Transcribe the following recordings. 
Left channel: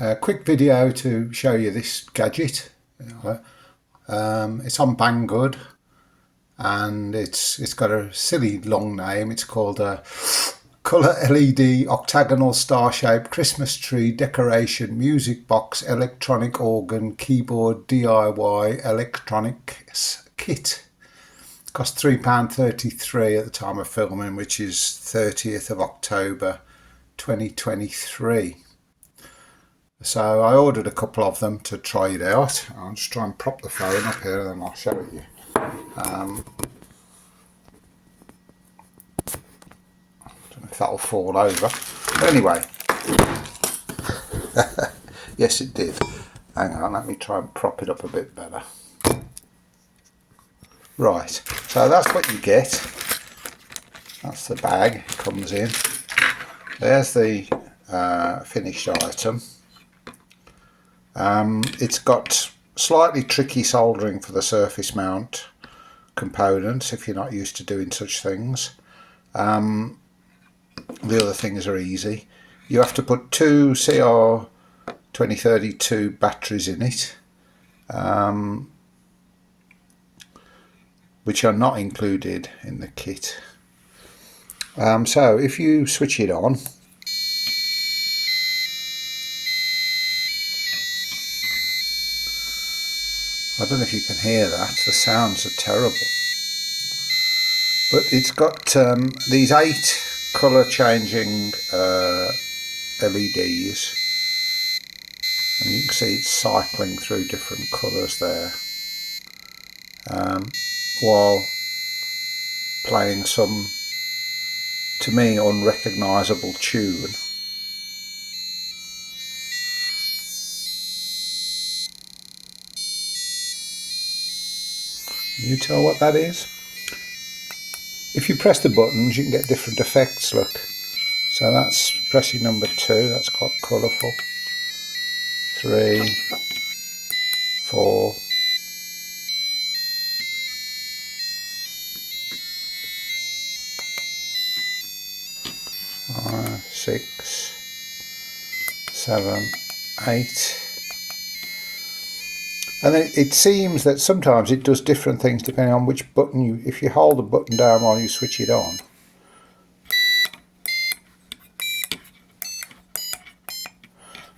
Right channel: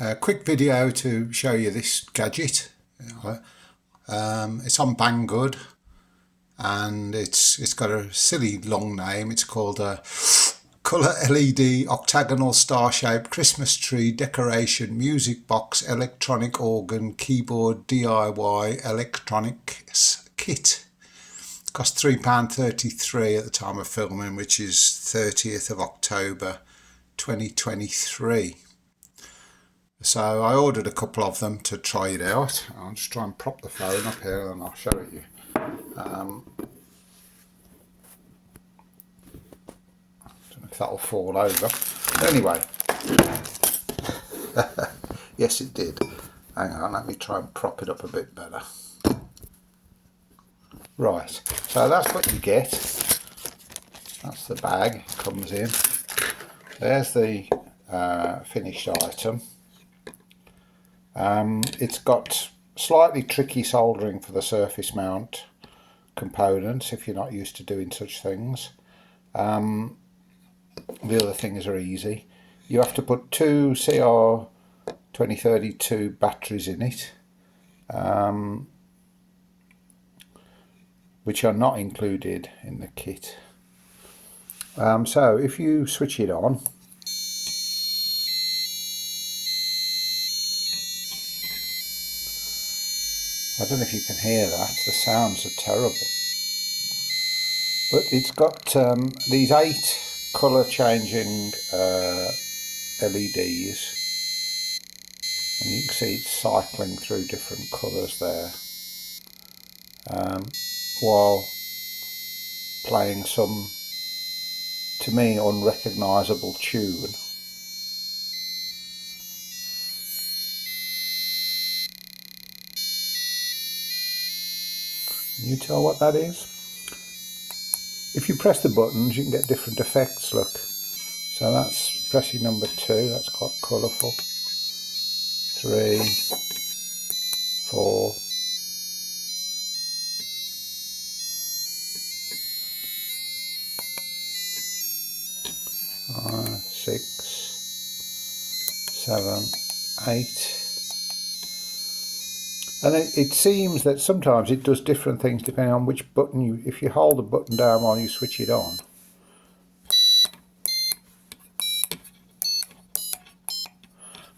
A quick video to show you this gadget. It's on Banggood and it's got a silly long name. It's called a colour LED octagonal star-shaped Christmas tree decoration music box electronic organ keyboard DIY electronics kit. It cost £3.33 at the time of filming, which is 30th of October 2023. So I ordered a couple of them to try it out. I'll just try and prop the phone up here and I'll show it you. Don't know if that'll fall over. But anyway, yes it did. Hang on, let me try and prop it up a bit better. Right, so that's what you get. That's the bag it comes in. There's the finished item. It's got slightly tricky soldering for the surface mount components if you're not used to doing such things. The other things are easy. You have to put two CR2032 batteries in it, which are not included in the kit. So if you switch it on, I don't know if you can hear that, the sounds are terrible. But it's got these 8 colour changing LEDs, and you can see it's cycling through different colours there, while playing some, to me, unrecognisable tune. Can you tell what that is? If you press the buttons you can get different effects, look. So that's pressing number 2, that's quite colourful. 3, 4, 5, 6, 7, 8. And it seems that sometimes it does different things depending on which button if you hold the button down while you switch it on.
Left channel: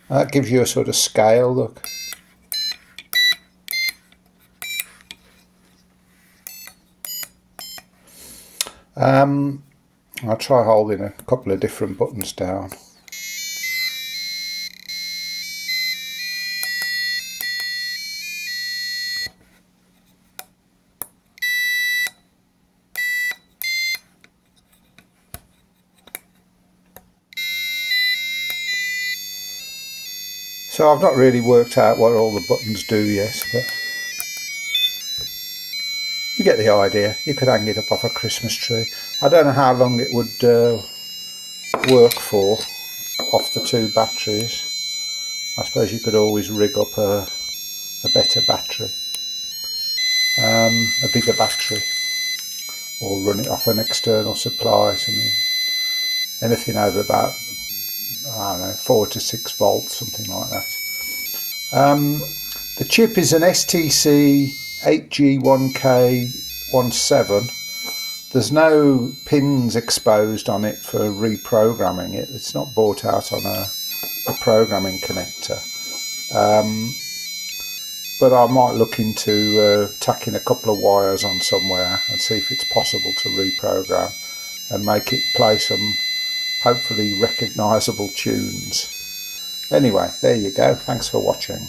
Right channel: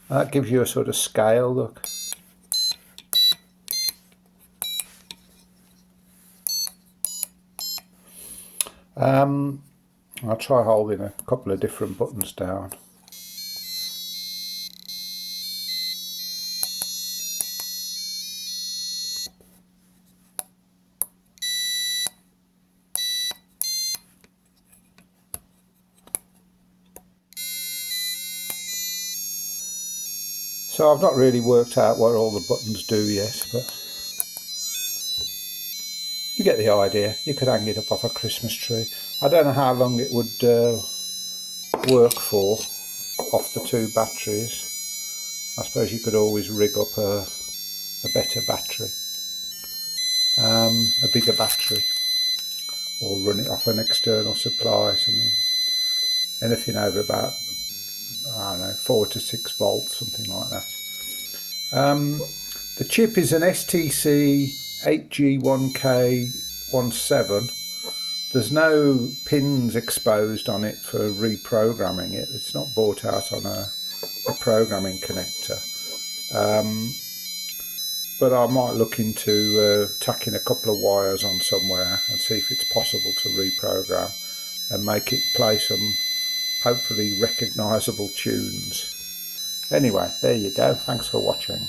That gives you a sort of scale, look. I'll try holding a couple of different buttons down. So I've not really worked out what all the buttons do yet, but you get the idea. You could hang it up off a Christmas tree. I don't know how long it would work for off the 2 batteries. I suppose you could always rig up a better battery, a bigger battery, or run it off an external supply, something, anything over about, I don't know, 4 to 6 volts, something like that. The chip is an STC 8G1K17. There's no pins exposed on it for reprogramming it. It's not bought out on a programming connector. But I might look into tacking a couple of wires on somewhere and see if it's possible to reprogram and make it play some hopefully recognisable tunes. Anyway, there you go. Thanks for watching.